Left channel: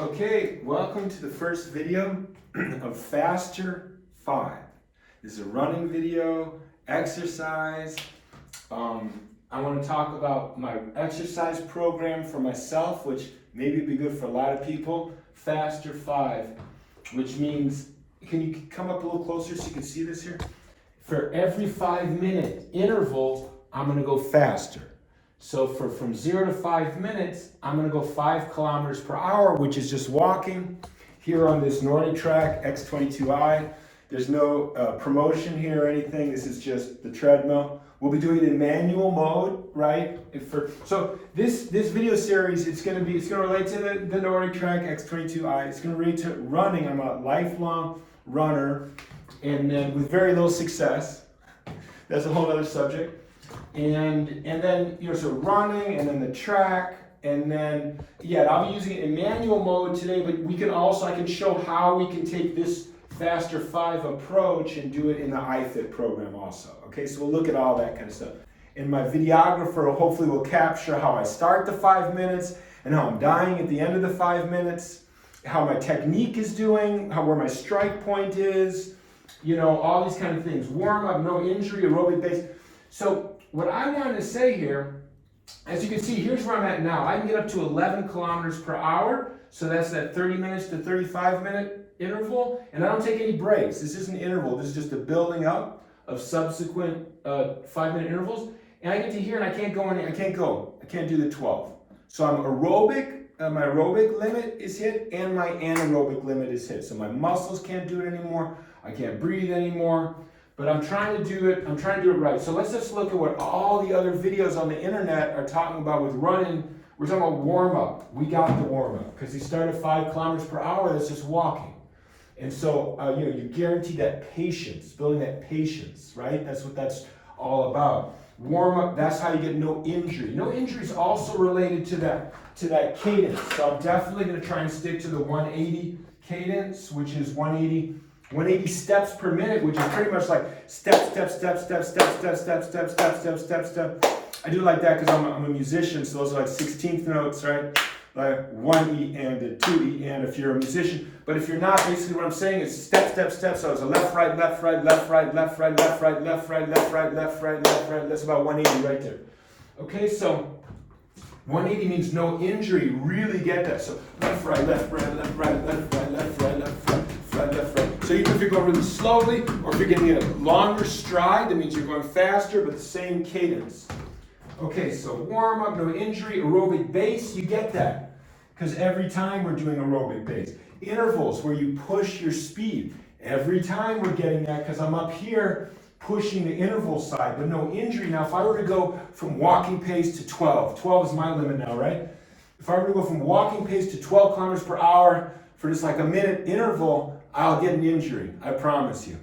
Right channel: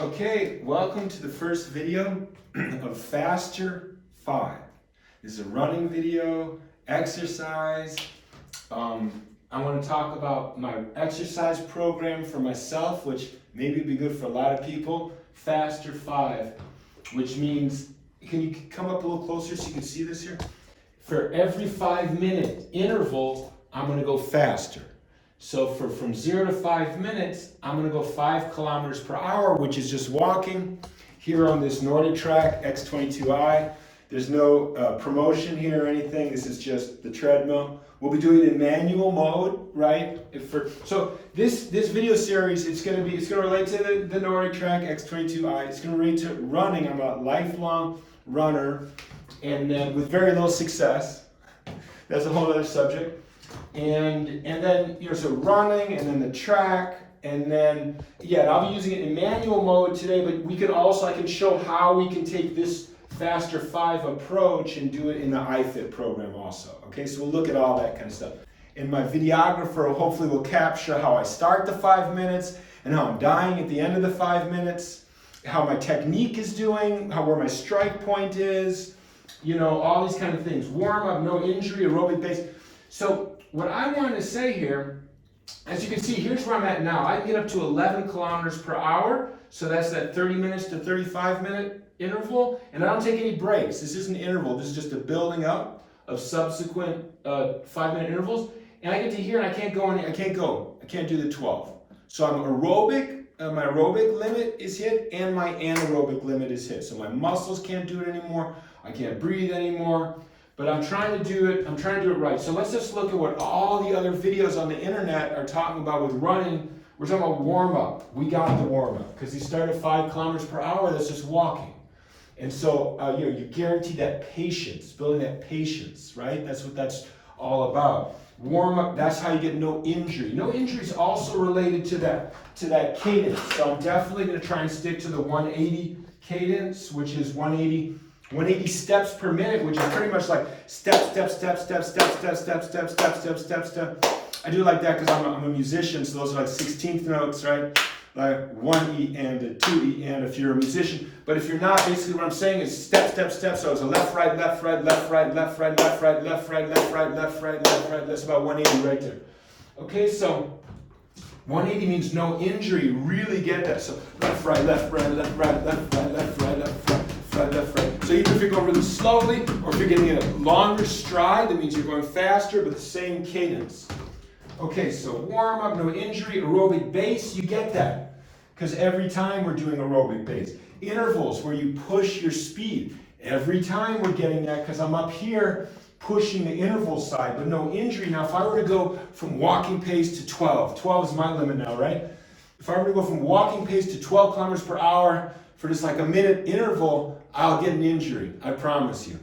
Okay, welcome to the first video of Faster 5. This is a running video, exercise. I want to talk about my exercise program for myself, which maybe would be good for a lot of people. Faster 5, which means, can you come up a little closer so you can see this here? For every 5-minute interval, I'm going to go faster. So from 0 to 5 minutes, I'm going to go 5 kilometers per hour, which is just walking here on this Nordic Track X22i. There's no promotion here or anything. This is just the treadmill. We'll be doing it in manual mode, right? So this video series, it's going to relate to the Nordic Track X22i. It's going to relate to running. I'm a lifelong runner, and then with very little success. That's a whole other subject. And then, so running, and then the track, and then, I'll be using it in manual mode today, but I can show how we can take this Faster 5 approach and do it in the ifit program also. Okay, so we'll look at all that kind of stuff. And my videographer hopefully will capture how I start the 5 minutes, and how I'm dying at the end of the 5 minutes, how my technique is doing, where my strike point is, all these kind of things. Warm up, no injury, aerobic base. So what I want to say here, as you can see, here's where I'm at now. I can get up to 11 kilometers per hour. So that's that 30 minutes to 35-minute interval. And I don't take any breaks. This isn't an interval. This is just a building up of subsequent 5-minute intervals. And I get to here and I can't do the 12. So I'm aerobic. My aerobic limit is hit and my anaerobic limit is hit. So my muscles can't do it anymore. I can't breathe anymore. But I'm trying to do it right. So let's just look at what all the other videos on the internet are talking about with running. We're talking about warm-up. We got the warm-up because you start at 5 kilometers per hour, that's just walking. And so you guarantee that patience, building that patience, right? That's what that's all about. Warm-up, that's how you get no injury. No injury is also related to that cadence. So I'm definitely going to try and stick to the 180 cadence, which is 180 steps per minute, which is pretty much like step. I do like that because I'm a musician, so those are like 16th notes, right? Like 1E and a 2E and if you're a musician. But if you're not, basically what I'm saying is step. So it's a left, right, left, right, left, right, left, right, left, right, left, right, left, right, left, right, left, right. That's about 180 right there. Okay, so 180 means no injury. Really get that. So left, right, left, right, left, right, left, right, left, right, left, right. Left, right. So even if you're going really slowly, or if you're getting a longer stride, that means you're going faster, but the same cadence. Okay, so warm up, no injury, aerobic base, you get that. Because every time we're doing aerobic base. Intervals, where you push your speed. Every time we're getting that, because I'm up here pushing the interval side, but no injury. Now, if I were to go from walking pace to 12 is my limit now, right? If I were to go from walking pace to 12 kilometers per hour for just like a minute interval, I'll get an injury, I promise you.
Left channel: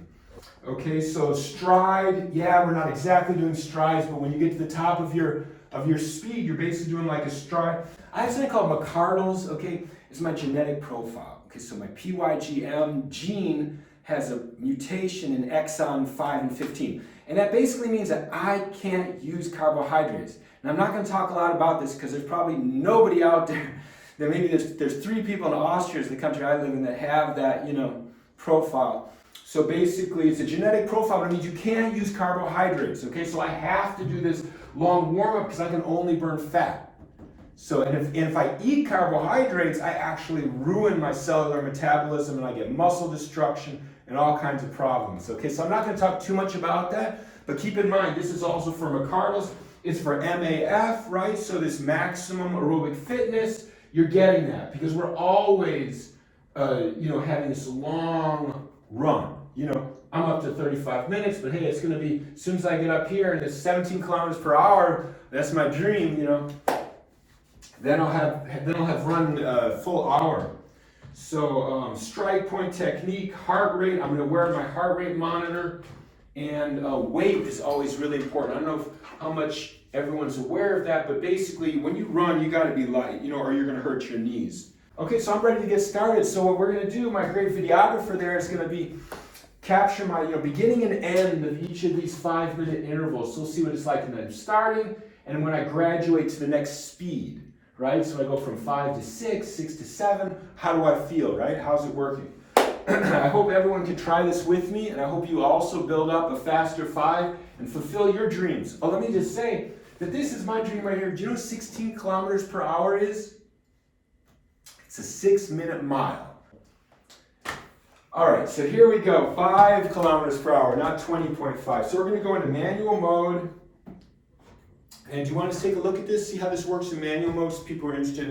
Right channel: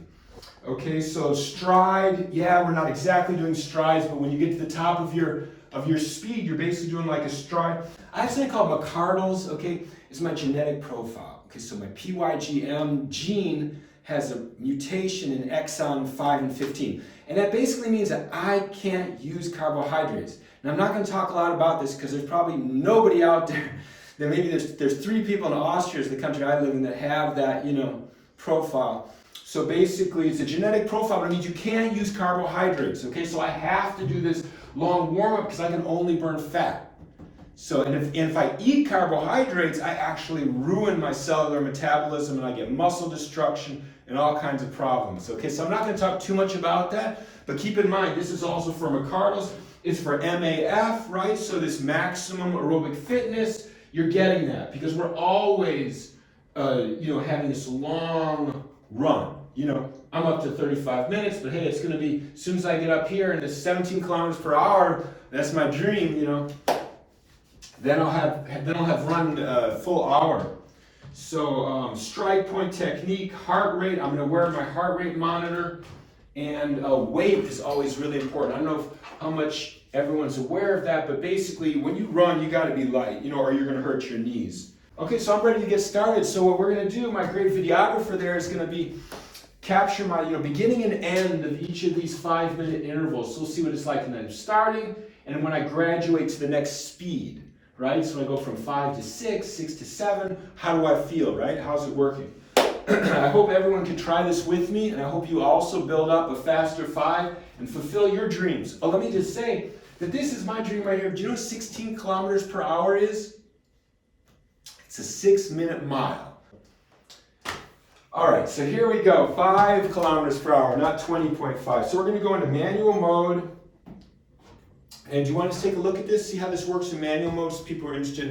Okay, so stride, we're not exactly doing strides, but when you get to the top of your speed, you're basically doing like a stride. I have something called Mcardle's, okay? It's my genetic profile. Okay, so my PYGM gene has a mutation in exon 5 and 15. And that basically means that I can't use carbohydrates. And I'm not going to talk a lot about this because there's probably nobody out there. Then maybe there's 3 people in Austria, is the country I live in, that have that, profile. So basically, it's a genetic profile, but it means you can't use carbohydrates. Okay, so I have to do this long warm-up because I can only burn fat. So, and if I eat carbohydrates, I actually ruin my cellular metabolism and I get muscle destruction and all kinds of problems. Okay, so I'm not going to talk too much about that, but keep in mind, this is also for Mcardle's. It's for MAF, right? So this maximum aerobic fitness. You're getting that because we're always, having this long run. I'm up to 35 minutes, but hey, it's going to be, as soon as I get up here and it's 17 kilometers per hour, that's my dream, Then I'll have run full hour. So strike point technique, heart rate. I'm going to wear my heart rate monitor, and weight is always really important. I don't know how much everyone's aware of that, but basically when you run, you got to be light, or you're going to hurt your knees. Okay, so I'm ready to get started. So what we're going to do, my great videographer there is going to be capture my beginning and end of each of these 5-minute intervals. So we'll see what it's like, and then starting, and when I graduate to the next speed. right? So I go from 5 to 6, 6 to 7. How do I feel, right? How's it working? I hope everyone can try this with me, and I hope you also build up a faster 5 and fulfill your dreams. Oh, let me just say that this is my dream right here. Do you know what 16 kilometers per hour is? It's a 6-minute mile. All right, so here we go, 5 kilometers per hour, not 20.5. So we're gonna go into manual mode. And do you want to take a look at this, see how this works in manual mode? So people are interested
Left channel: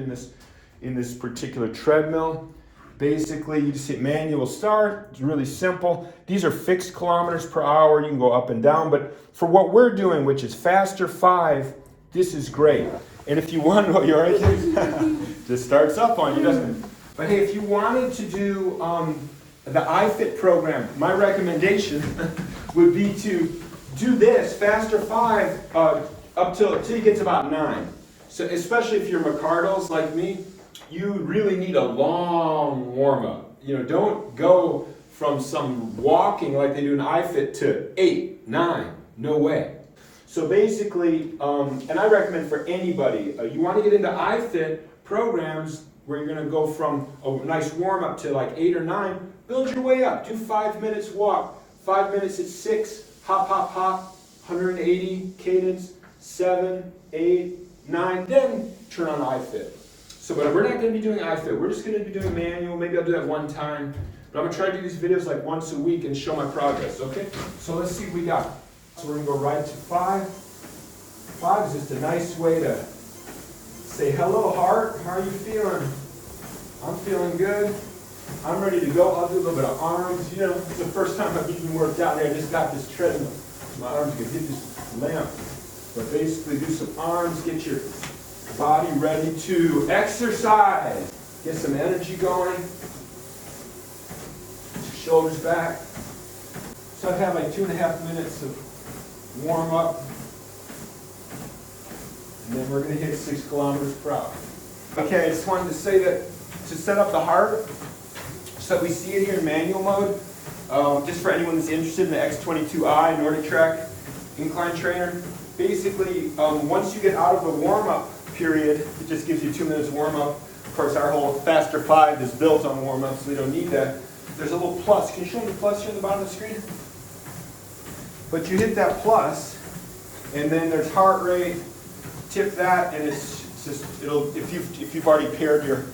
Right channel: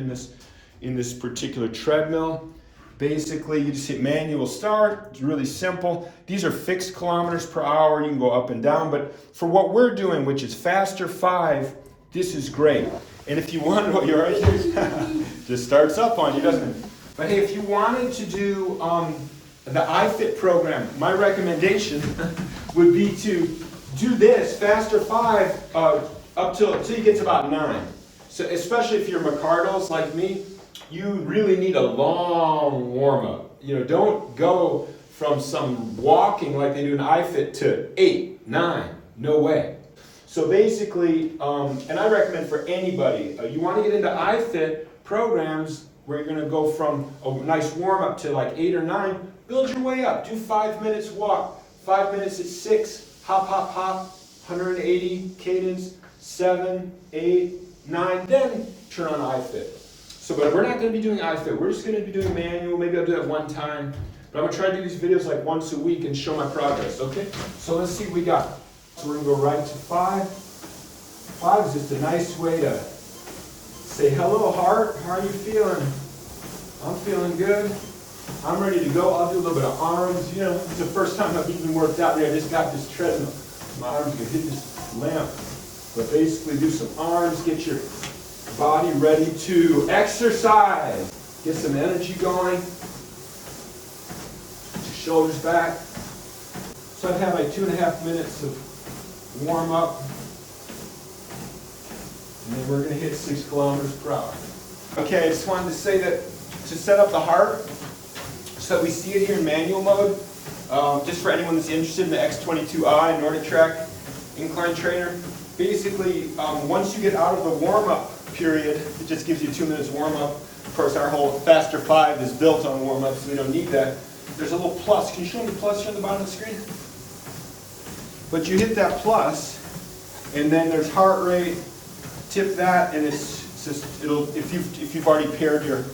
in this particular treadmill. Basically, you just hit manual start. It's really simple. These are fixed kilometers per hour. You can go up and down, but for what we're doing, which is faster 5, this is great. And if you want, you're right here. Just starts up on you, doesn't it? But hey, if you wanted to do the ifit program, my recommendation would be to do this faster 5 up till you get to about 9. So especially if you're Mcardles like me, you really need a long warm-up. You know, don't go from some walking like they do in ifit to 8, 9. No way. So basically, and I recommend for anybody, you want to get into ifit programs where you're going to go from a nice warm-up to like 8 or 9, build your way up. Do 5 minutes walk, 5 minutes at 6, hop, hop, hop, 180 cadence, 7, 8, 9, then turn on ifit. So but we're not going to be doing ifit. We're just going to be doing manual. Maybe I'll do that one time. But I'm going to try to do these videos like once a week and show my progress, okay? So let's see what we got. So we're going to go right to 5. 5 is just a nice way to say, hello, heart. How are you feeling? I'm feeling good. I'm ready to go. I'll do a little bit of arms. You know, it's the first time I've even worked out there. I just got this treadmill. My arms can hit this lamp. But basically do some arms, get your body ready to exercise. Get some energy going. Get your shoulders back. So I have like 2.5 minutes of warm up. And then we're going to hit 6 kilometers per hour. Okay, I just wanted to say that to set up the heart, so that we see it here in manual mode, just for anyone that's interested in the X22i Nordic Track incline trainer, basically once you get out of the warm-up period, it just gives you 2 minutes warm-up. Of course, our whole faster 5 is built on warm-up, so we don't need that. There's a little plus. Can you show me the plus here on the bottom of the screen? But you hit that plus, and then there's heart rate. Tip that, and it's just if you've already paired your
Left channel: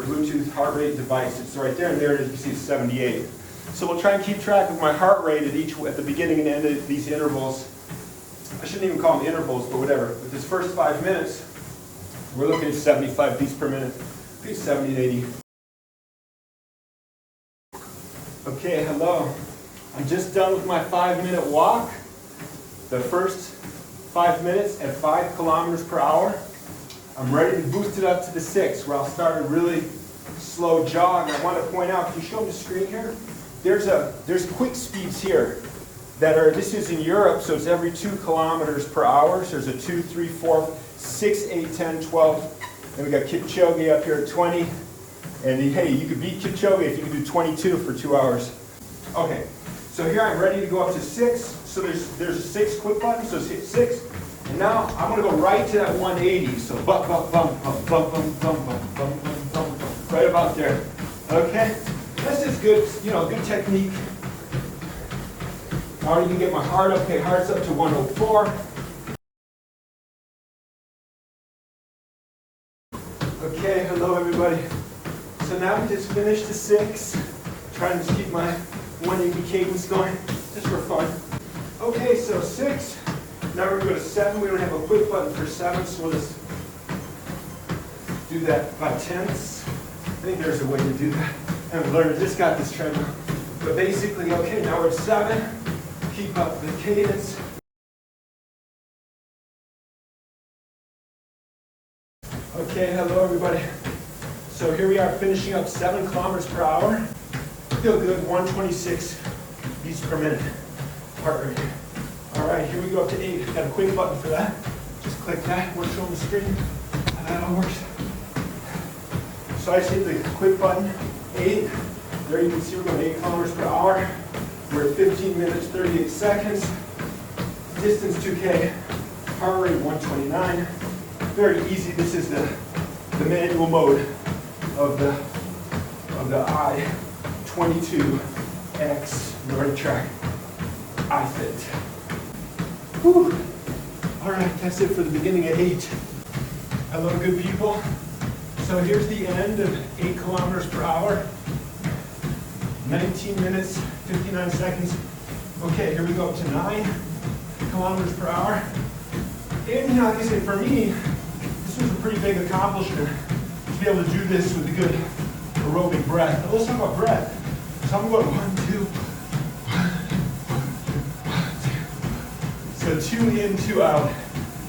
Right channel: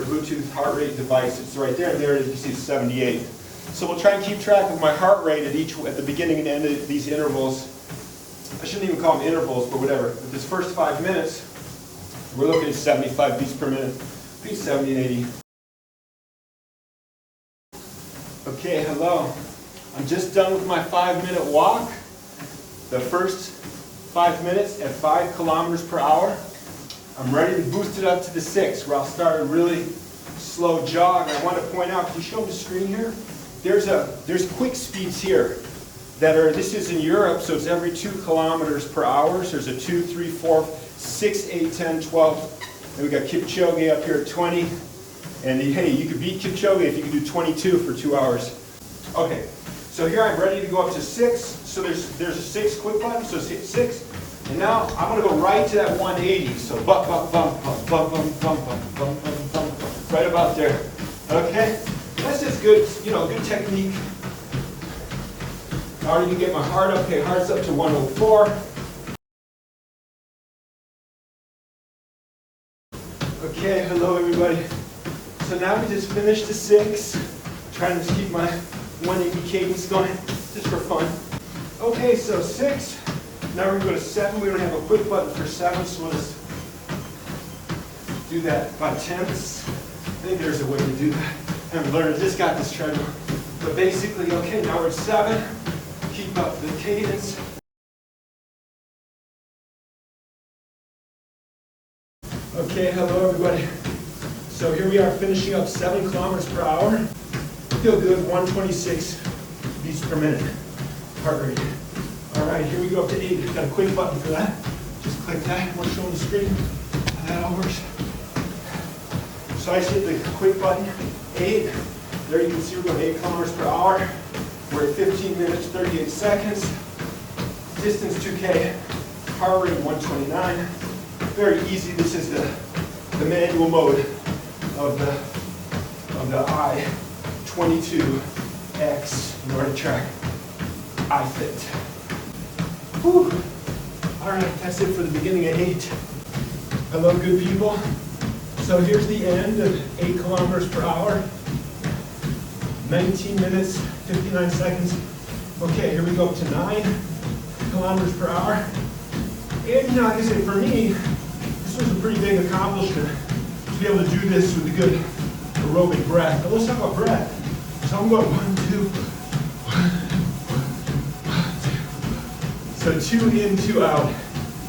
Bluetooth heart rate device, it's right there, and there it is. You see it's 78. So we'll try and keep track of my heart rate at the beginning and end of these intervals. I shouldn't even call them intervals, but whatever. With this first 5 minutes, we're looking at 75 beats per minute, maybe 70 and 80. Okay, hello. I'm just done with my 5-minute walk. The first 5 minutes at 5 kilometers per hour. I'm ready to boost it up to the 6, where I'll start a really slow jog. I want to point out, can you show me the screen here? There's quick speeds here that are, this is in Europe, so it's every 2 kilometers per hour. So there's a 2, 3, 4, 6, 8, 10, 12. And we got Kipchoge up here at 20. And hey, you could beat Kipchoge if you can do 22 for 2 hours. Okay, so here I'm ready to go up to 6. So there's a 6 quick button, so hit 6. And now I'm going to go right to that 180. So bump, bump, bump, bump, bump, bump, bump, bump, bump, bump, bump, right about there. Okay? This is good, good technique. I already can get my heart up. Okay, heart's up to 104. Okay, hello everybody. So now we just finished the 6. Trying to keep my 180 cadence going, just for fun. Okay, so 6. Now we're going to go to 7. We don't have a quick button for 7, so we'll just do that by tenths. I think there's a way to do that. And learn, just got this treadmill. But basically, okay, now we're at 7. Keep up the cadence. Okay, hello everybody. So here we are finishing up 7 kilometers per hour. Feel good, 126 beats per minute. Heart rate. All right, here we go up to 8. Got a quick button for that. Just click that. We're showing the screen how that all works. So I just hit the quick button, 8. There you can see we're going 8 kilometers per hour. We're at 15 minutes, 38 seconds. Distance 2K. Heart rate 129. Very easy. This is the manual mode of the I-22X Nordic Track ifit. Whew. All right, that's it for the beginning of 8. Hello, good people. So here's the end of 8 kilometers per hour. 19 minutes, 59 seconds. Okay, here we go up to 9 kilometers per hour. And you know, like I said, for me, this was a pretty big accomplishment to be able to do this with a good aerobic breath. But let's talk about breath. So I'm going 1, 2, 1, 2, 1, 2. So 2 in, 2 out.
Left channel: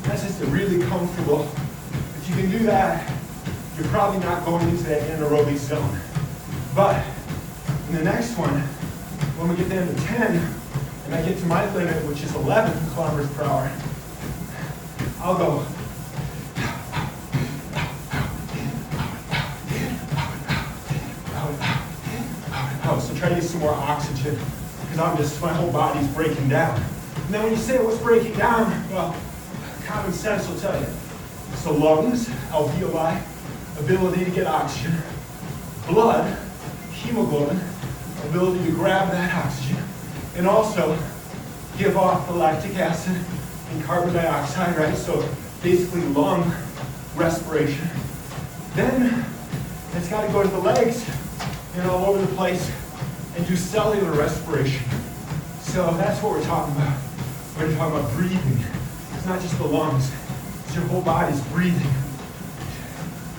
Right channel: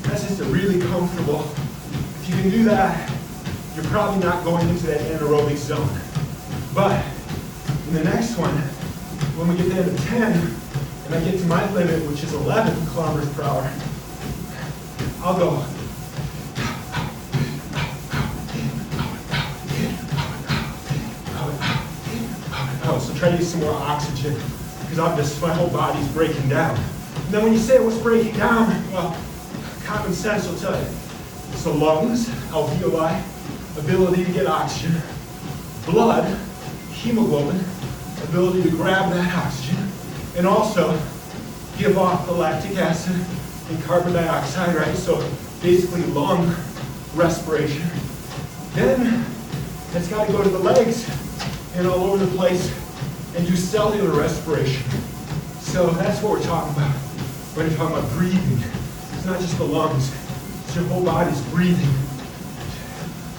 That's just a really comfortable. If you can do that, you're probably not going into that anaerobic zone. But in the next one, when we get down to 10, and I get to my limit, which is 11 kilometers per hour, I'll go. So try to get some more oxygen, because my whole body's breaking down. And then when you say what's breaking down, well, common sense will tell you. It's the lungs, alveoli, ability to get oxygen, blood, hemoglobin, ability to grab that oxygen, and also give off the lactic acid and carbon dioxide, right? So basically lung respiration. Then it's got to go to the legs and all over the place and do cellular respiration. So that's what we're talking about when you're talking about breathing. It's not just the lungs, it's your whole body's breathing.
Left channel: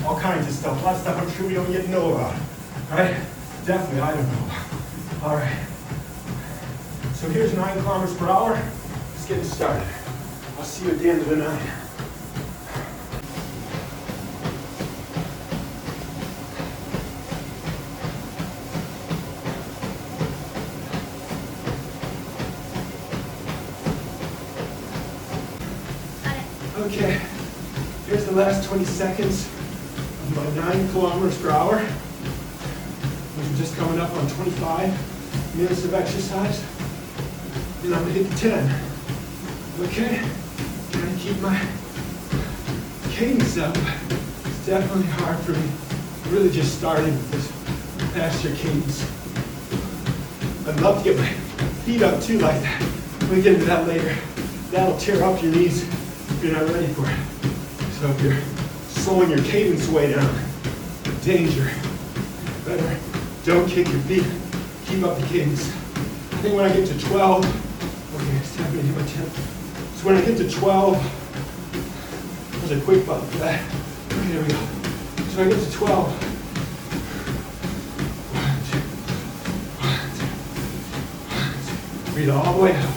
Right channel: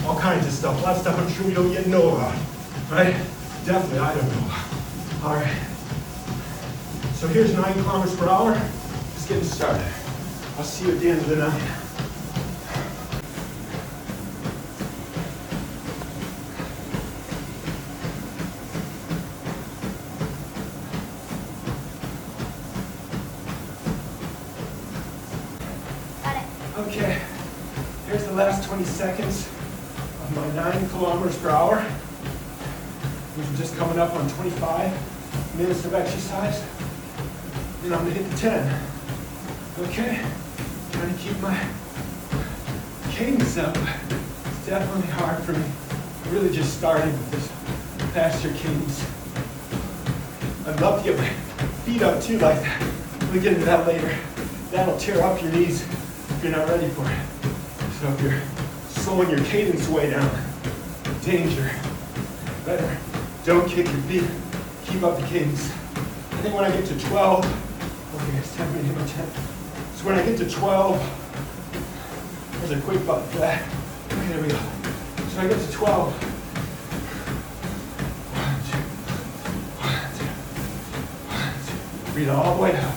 All kinds of stuff, a lot of stuff I'm sure we don't yet know about, right? Definitely I don't know about. All right, so here's 9 kilometers per hour. Just getting started. I'll see you at the end of the night. Okay, here's the last 20 seconds of my 9 kilometers per hour. We're just coming up on 25 minutes of exercise. And I'm gonna hit the 10. Okay, trying to keep my cadence up. It's definitely hard for me. I really just started with this faster cadence. I'd love to get my feet up too like that. We'll get into that later. That'll tear up your knees if you're not ready for it. So if you're slowing your cadence way down, danger. Better don't kick your feet. Keep up the cadence. I think when I get to 12, okay, it's time for me to hit my 10. So when I get to 12, there's a quick button for that. Okay, there we go. So I get to 12. 1, 2, 1, 2, 1, 2. Breathe all the way out.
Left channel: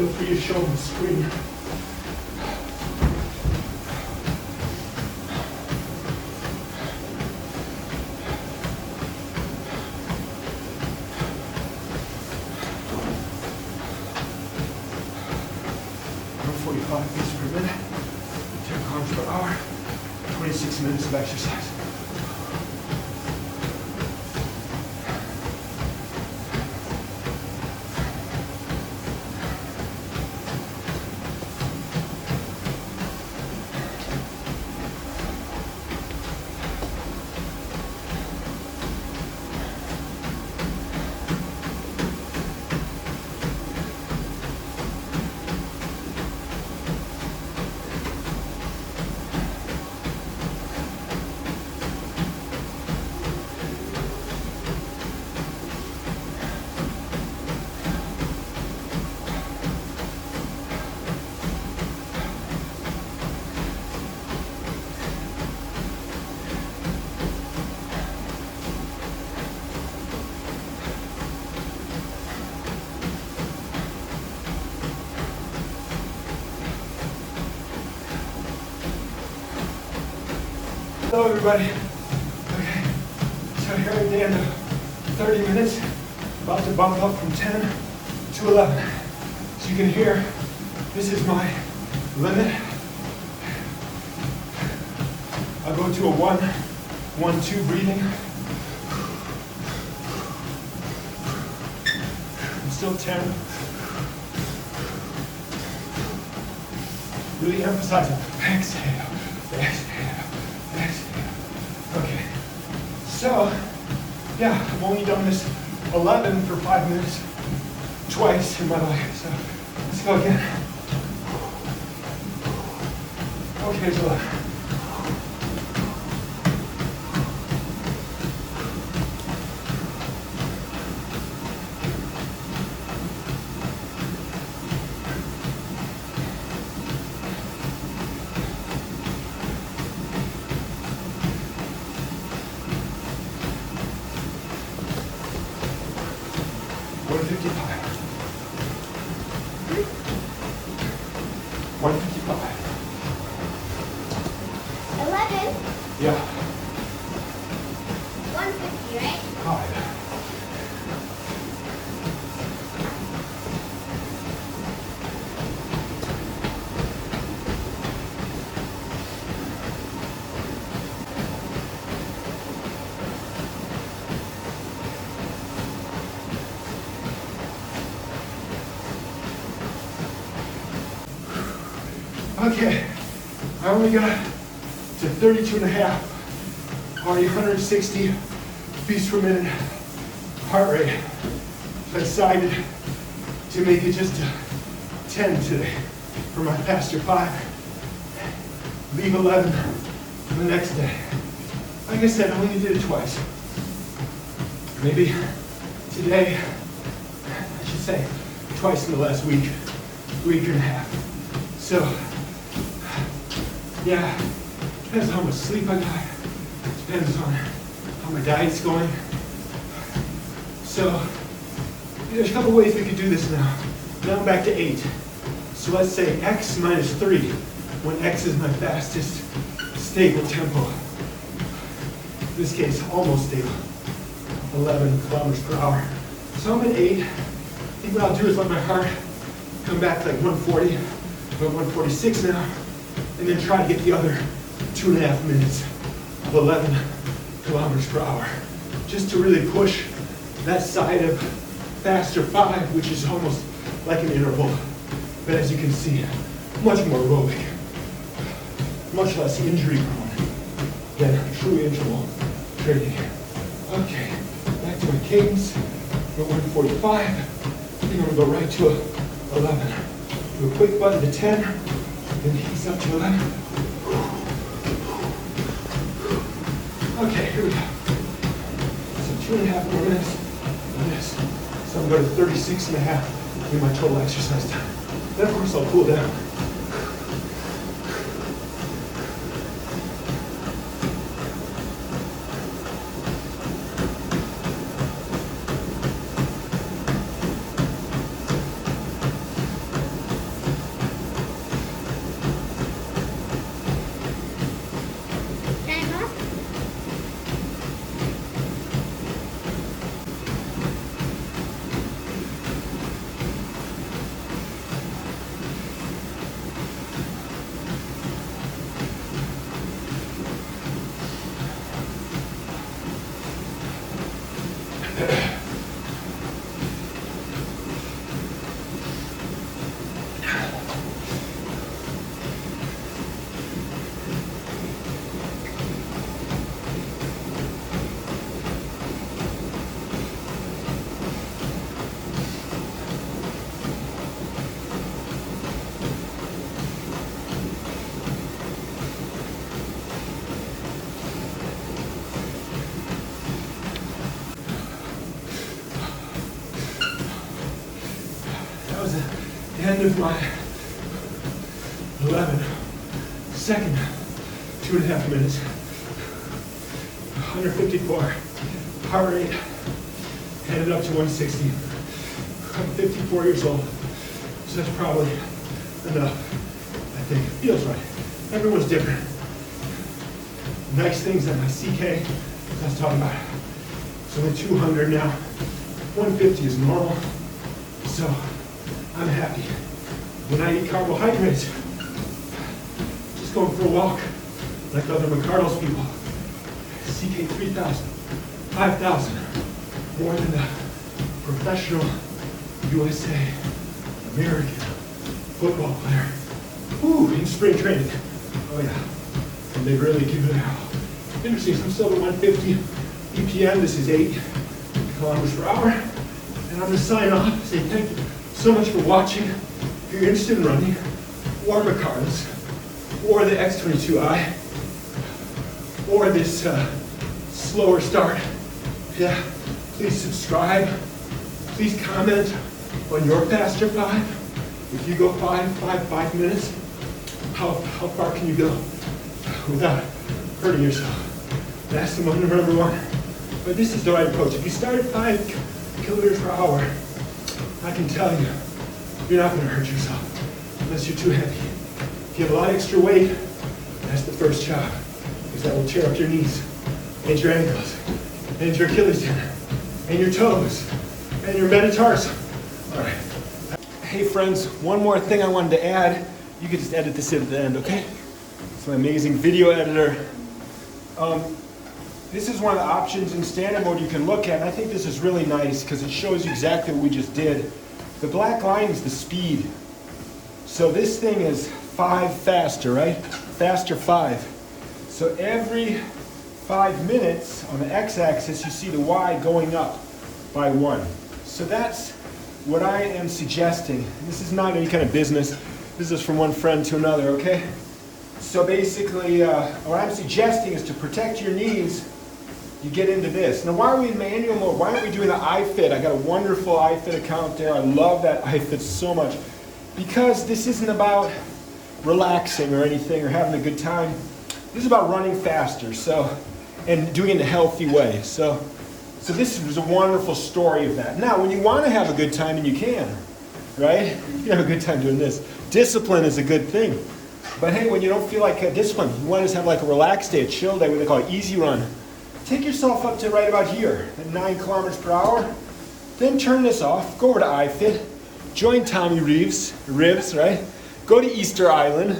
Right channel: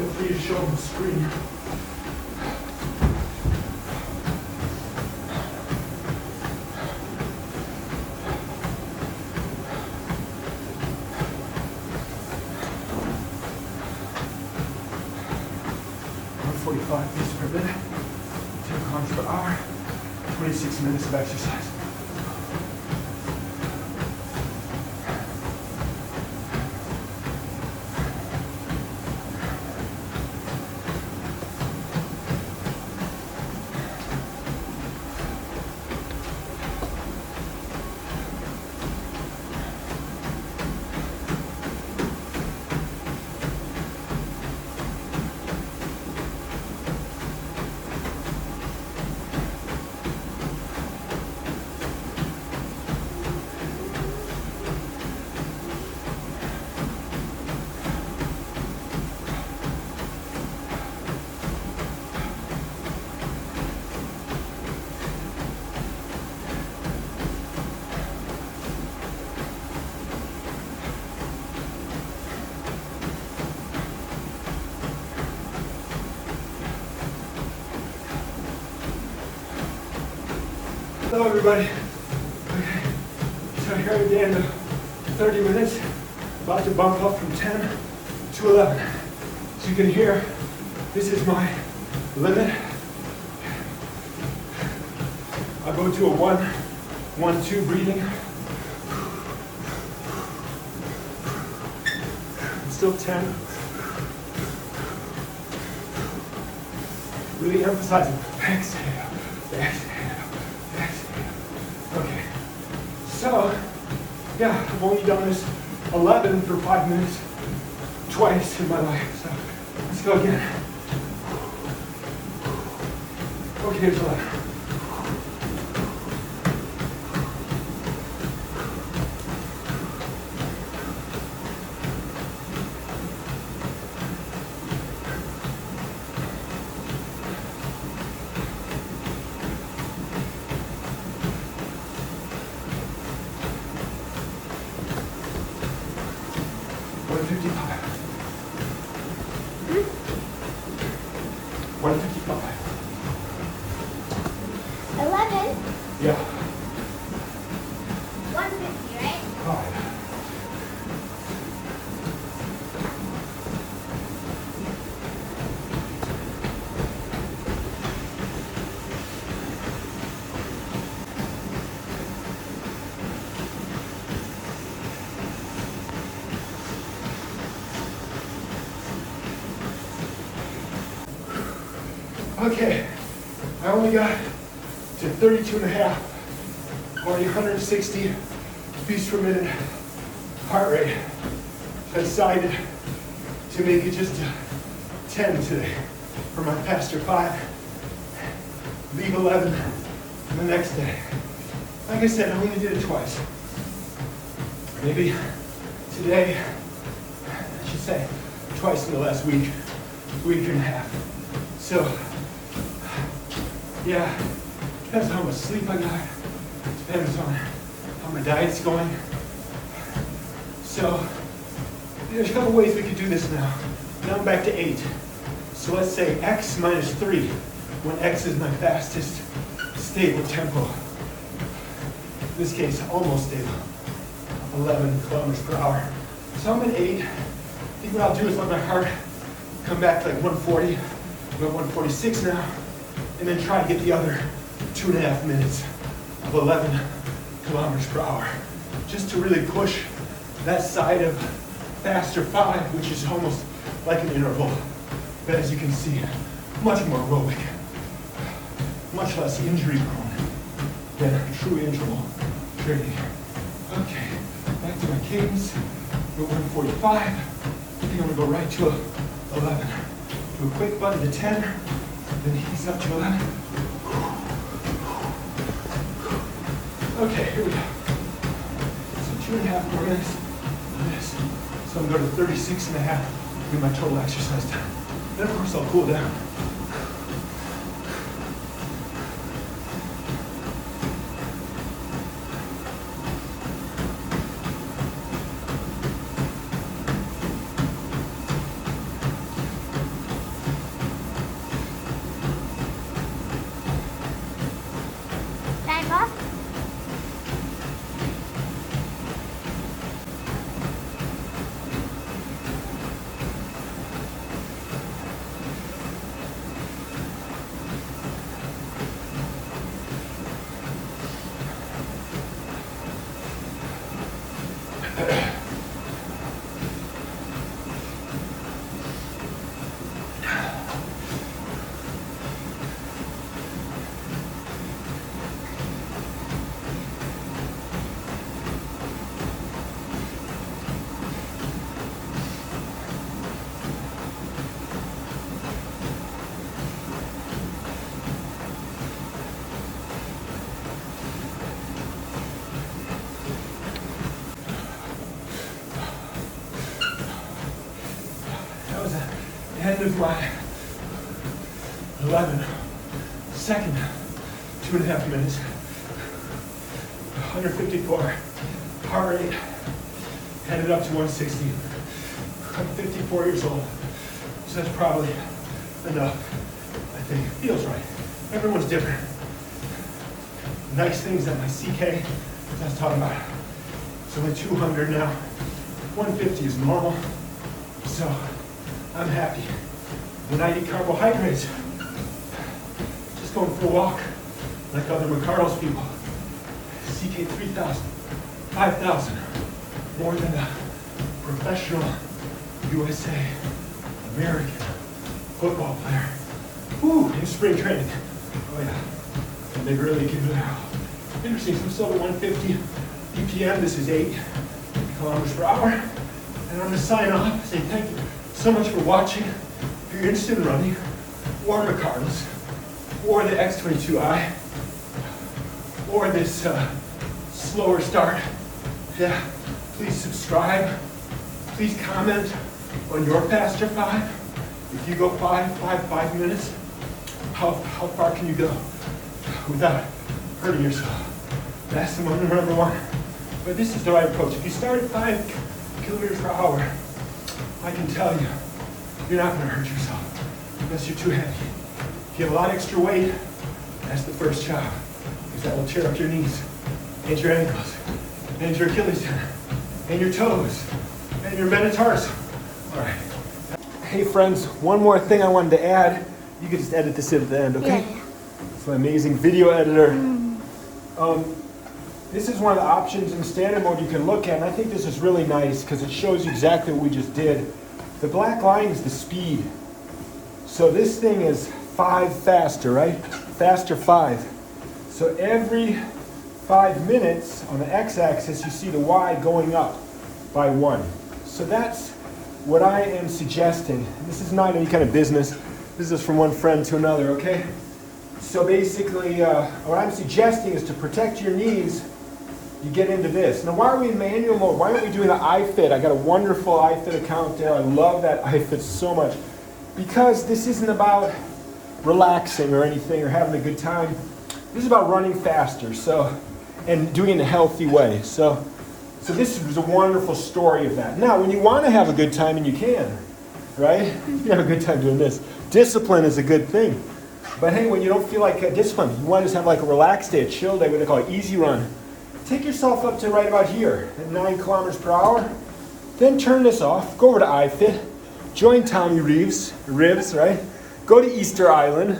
Feel free to show them the screen. Beats per minute, 10 kilometers per hour, 26 minutes of exercise. Hello everybody. Okay, so here at the end of 30 minutes, about to bump up from 10 to 11. So you can hear, this is my limit. I go to a 1-1-2 breathing. I'm still 10. Really emphasizing exhale, exhale, exhale. Okay, so yeah, I've only done this 11 for 5 minutes twice in my life. So let's go again. Okay, here's 11. Yeah. 150, right? 5. Okay, I only got to 32 and a half. Already 160 beats per minute heart rate. So I decided to make it just a 10 today for my faster 5. Leave 11 for the next day. Like I said, I only did it twice. Maybe today, I should say, twice in the last week and a half. So, yeah, depends on how much sleep I got. Depends on how my diet's going. So, there's a couple ways we could do this now. Now I'm back to 8. So let's say X minus 3, when X is my fastest stable tempo. In this case, almost stable. 11 kilometers per hour. So I'm at 8. I think what I'll do is let my heart come back to like 140. I'm at 146 now. And then try to get the other 2.5 minutes of 11 kilometers per hour. Just to really push that side of faster 5, which is almost like an interval. But as you can see, much more aerobic, much less injury prone than true interval training. Okay, back to my cadence. We're at 145. I think I'm gonna go right to 11. Do a quick button to 10, then ease up to 11. Okay, here we go. So 2.5 more minutes of this. So I'm going to 36 and a half in my total exercise time. Then of course I'll cool down. Time off? The end of my 11 second 2.5 minutes. 154 heart rate, headed up to 160. I'm 54 years old, so that's probably enough. I think it feels right. Everyone's different. nice things that my CK that's talking about. So I'm at 200 now. 150 is normal. So I'm happy. When I eat carbohydrates, just going for a walk like other Mcardle's people. CK 3,000, 5,000, more than the professional USA American football player. Woo, in spring training. Oh yeah. And they really give it a interesting. So I'm still at 150 BPM. This is 8 kilometers per hour. And I'm gonna sign off, say thank you so much for watching. If you're interested in running, or Mcardle's, or the X22i, or this slower start, yeah, please subscribe. Please comment on your faster 5. If you go 5 minutes, how far can you go without hurting yourself? That's the number one. But this is the right approach. If you start at 5 kilometers per hour, I can tell you, you're not going to hurt yourself unless you're too heavy. If you have a lot of extra weight, that's the first job, because that will tear up your knees, and your ankles, and your Achilles tendon, and your toes, and your metatarsal. All right. Hey friends, one more thing I wanted to add. You can just edit this in at the end, okay? It's my amazing video editor. This is one of the options in standard mode you can look at, and I think this is really nice because it shows you exactly what we just did. The black line is the speed. So this thing is 5 faster, right? Faster 5. So every 5 minutes on the x-axis, you see the y going up by 1. So that's what I am suggesting. This is not any kind of business. This is from one friend to another, okay? So basically, what I'm suggesting is to protect your knees, you get into this. Now, why are we in manual mode? Why aren't we doing the ifit? I got a wonderful ifit account there. I love that ifit so much. Because this isn't about relaxing or anything or having a good time. This is about running faster, so, and doing it in a healthy way. So this was a wonderful story of that. Now, when you want to have a good time, and you can, right? You have a good time doing this. Discipline is a good thing. But hey, when you don't feel like discipline, you want to just have like a relaxed day, a chill day, what they call it, easy run. Take yourself up to right about here at 9 kilometers per hour. Then turn this off, go over to ifit, join Tommy Ribs, right? Go to Easter Island,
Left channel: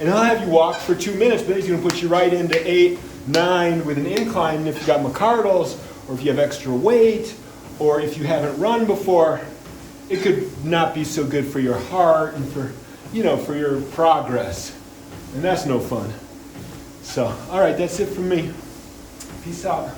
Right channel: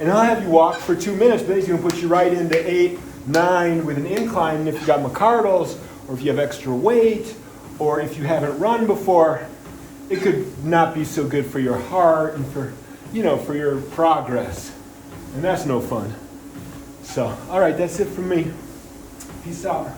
and he'll have you walk for 2 minutes, but he's going to put you right into 8, 9 with an incline. And if you've got Mcardle's, or if you have extra weight, or if you haven't run before, it could not be so good for your heart and for, you know, for your progress. And that's no fun. So, all right, that's it from me. Peace out.